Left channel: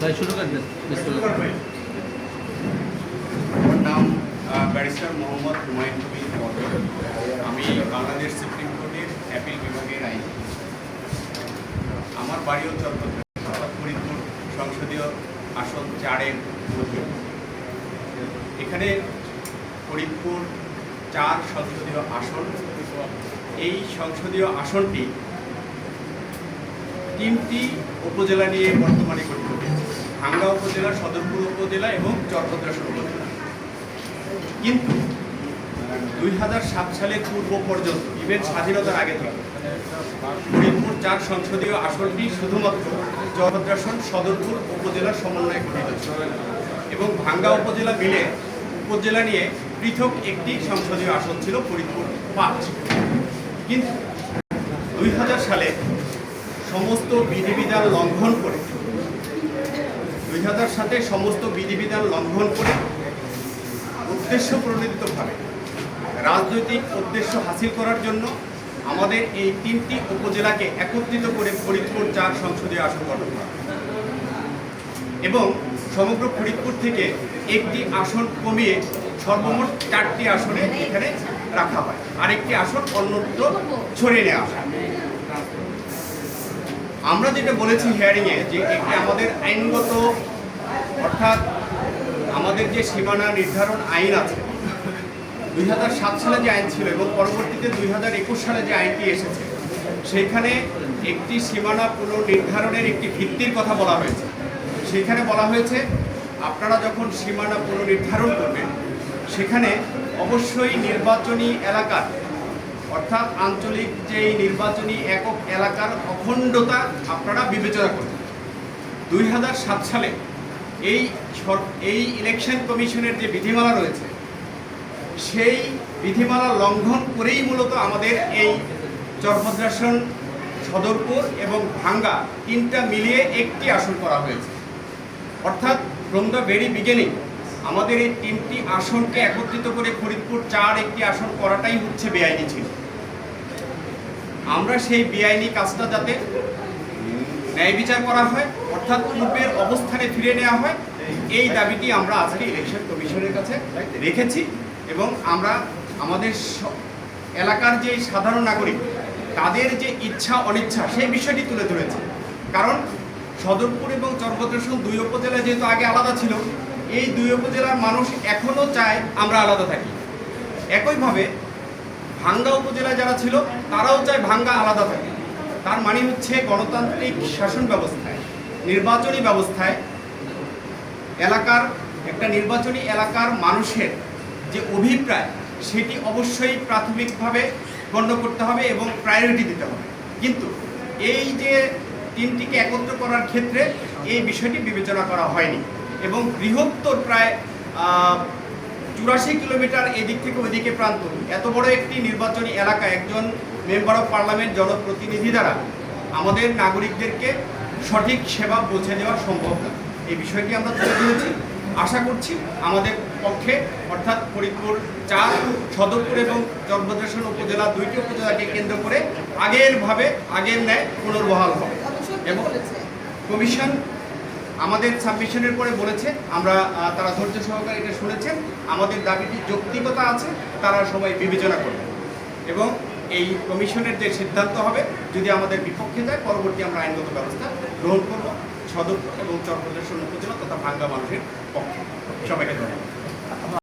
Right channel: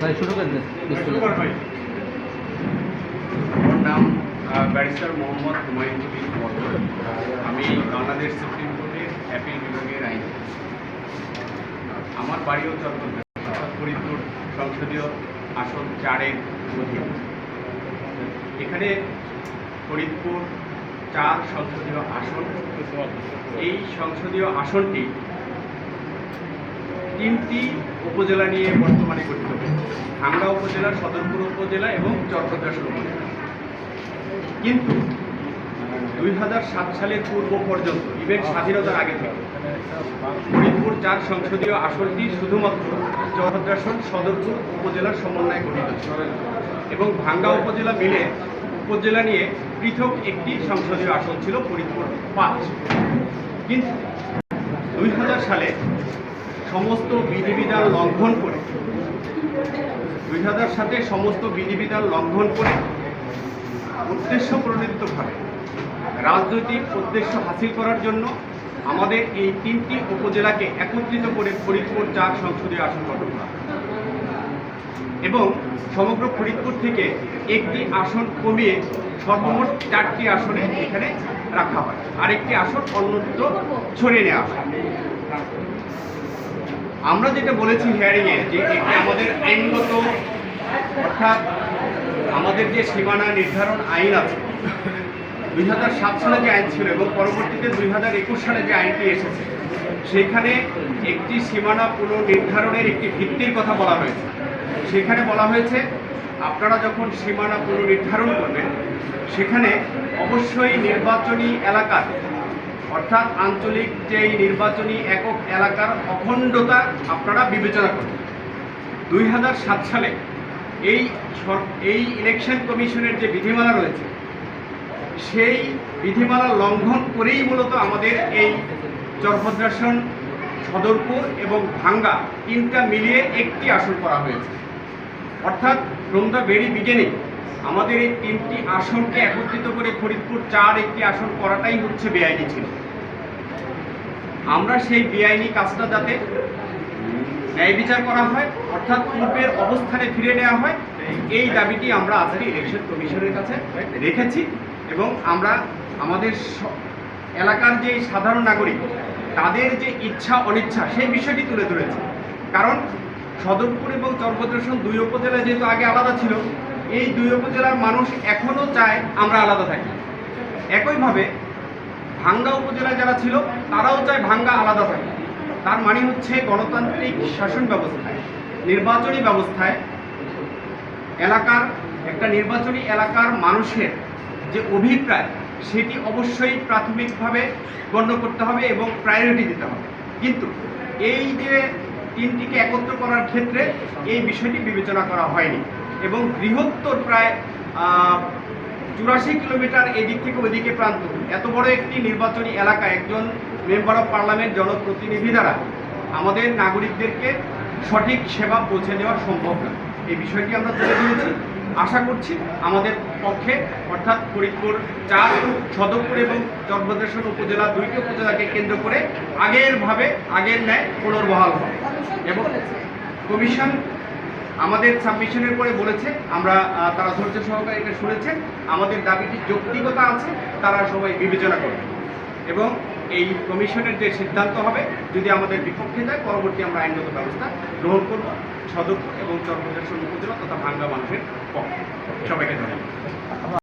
ভাই শুরু করেন। আমার নাম ব্যারিস্টার মোহাম্মদ হুমায়ুন কবির আমি বাংলাদেশ সুপ্রিম কোর্টের অ্যাপিল বিভাগের আইন। আমার চট্টগ্রাম অর্থাৎ ফরিদপুর সংসদীয় আসন চারের এখানে ফরিদপুর চার সংসদীয় আসন। এই সংসদীয় আসনটি তিনটি উপজেলা নিয়ে বর্তমানে গঠিত। ভাঙ্গা উপজেলা, সদরপুর উপজেলা এবং চরভদ্রাসন উপজেলা। কিন্তু দুই সাত সালের পূর্ব পর্যন্ত ইভেন স্বাধীনতার আগে থেকে, ফরিদপুর চার সংসদীয় আসনটি শুধুমাত্র চরভদ্রাসন সদরপুর উপজেলার সমন্বয়ে গঠিত এবং ভাঙ্গা উপজেলা মিলে উপজেলা নিয়ে পৃথক একটি সংসদীয় আসন ছিল ফরিদপুর পাঁচ। কিন্তু, দুই হাজার সালে সমস্ত বিধিবিধান লঙ্ঘন করে। হাজার সালে সমস্ত বিধিবিধান লঙ্ঘন করে উদ্দেশ্য প্রণোদিতভাবে রাজনৈতিক উদ্দেশ্য হাসিল করার জন্য আমাদের এই তিনটি উপজেলাকে একত্রিত করে ফরিদপুর চার সংসদীয় আসন গঠন করা। এবং সমগ্র ফরিদপুর থেকে একটি আসন কমিয়ে সর্বমোট চারটি আসনে এখানে রাখা হয়। আরেকটি আসন অন্যত্র ছড়িয়ে নেওয়া হয়। আমরা যেটা বলেছি হিয়ারিংয়ে যে এটি আমাদের আইনগত, অর্থাৎ আমাদের যে সীমানা নির্ধারণ আইন আছে, দুই হাজার সাত সালে যে আইন ছিল এবং পরবর্তীতে দুই হাজার একুশ সালে যে আইনটি এসেছে, সেখানে একটি সীমানা পুনর্নির্ধারণের একটি ভিত্তির কথা বলা হয়েছে। সেখানে বলা হয়েছে, আপনারা যখন সীমানা পুনর্নির্ধারণ করবেন, সেখানে অবশ্যই নির্বাচনী এলাকার অর্থাৎ আঞ্চলিক যেই নির্বাচনী একক এলাকার অখণ্ডতা আপনারা বিবেচনা করবেন দুই হাজার সাত সালে এই এই ইলেকশন কমিশনের যে বিধিমালা রয়েছে, সেই বিধিমালা লঙ্ঘন করেই মূলত আমাদের এই চরভদ্রাসন, সদরপুর এবং ভাঙ্গা তিনটা মিলিয়ে একটি আসন করা হয়েছে। অর্থাৎ ফ্রম দ্য ভেরি বিগিনিং আমাদের এই তিনটি আসনকে একত্রিত করে ফরিদপুর চার একটি আসন করাটাই হচ্ছে বেআইনি ছিল। আমরা সেই বেআইনি কাজটা যাতে ন্যায় বিচার করা হয়, অর্থাৎ পূর্বের অবস্থানে ফিরে নেওয়া হয়, এই দাবিটি আমরা আজকে ইলেকশন কমিশনের কাছে রেখেছি এবং আমরা আমাদের এলাকার যে সাধারণ নাগরিক, তাদের যে ইচ্ছা অনিচ্ছা সেই বিষয়টি তুলে ধরেছি। কারণ সদরপুর এবং চরভদ্রসন দুই উপজেলা যেহেতু আগে আলাদা ছিল এই দুই উপজেলার মানুষ এখনও চায় আমরা আলাদা থাকি। একইভাবে ভাঙ্গা উপজেলায় যারা ছিল, তারাও চায় ভাঙ্গা আলাদা থাকে। তার মানে হচ্ছে গণতান্ত্রিক শাসন ব্যবস্থায়, নির্বাচনী ব্যবস্থায় এলাকার, একটা নির্বাচনী এলাকার মানুষের যে অভিপ্রায়, সেটি অবশ্যই প্রাথমিকভাবে গণ্য করতে হবে এবং প্রায়োরিটি দিতে হবে। কিন্তু এই যে তিনটিকে একত্র করার ক্ষেত্রে এই বিষয়টি বিবেচনা করা হয়নি। এবং বৃহত্তর প্রায় চুরাশি কিলোমিটার এদিক থেকে ওইদিকে প্রান্ত। এত বড় একটি নির্বাচনী এলাকা একজন মেম্বার অফ পার্লামেন্ট জনপ্রতিনিধি দ্বারা আমাদের নাগরিকদেরকে সঠিক সেবা পৌঁছে দেওয়া সম্ভব না। এই বিষয়টি আমরা তুলে ধরেছি। আশা করছি আমাদের পক্ষে অর্থাৎ ফরিদপুর চার সদরপুর এবং চরভদ্রেশ্বর উপজেলা দুইটি উপজেলাকে কেন্দ্র করে আগেরভাবে আগের ন্যায় পুনর্বহাল হবে। এবং কমিশন আমাদের সাবমিশনের পরে বলেছে, আমরা তারা ধৈর্য সহকারে এটা শুনেছে, আমাদের দাবিটি যৌক্তিকতা আছে, তারা সবাই বিবেচনা করবে। এবং এই কমিশনের যে সিদ্ধান্ত হবে, যদি আমাদের বিপক্ষে যায়, পরবর্তী আমরা আইনগত ব্যবস্থা গ্রহণ করব সদক এবং চরপ্রদেশ উপজেলা তথা ভাঙ্গা মানুষের পক্ষে। সবাইকে ধন্যবাদ।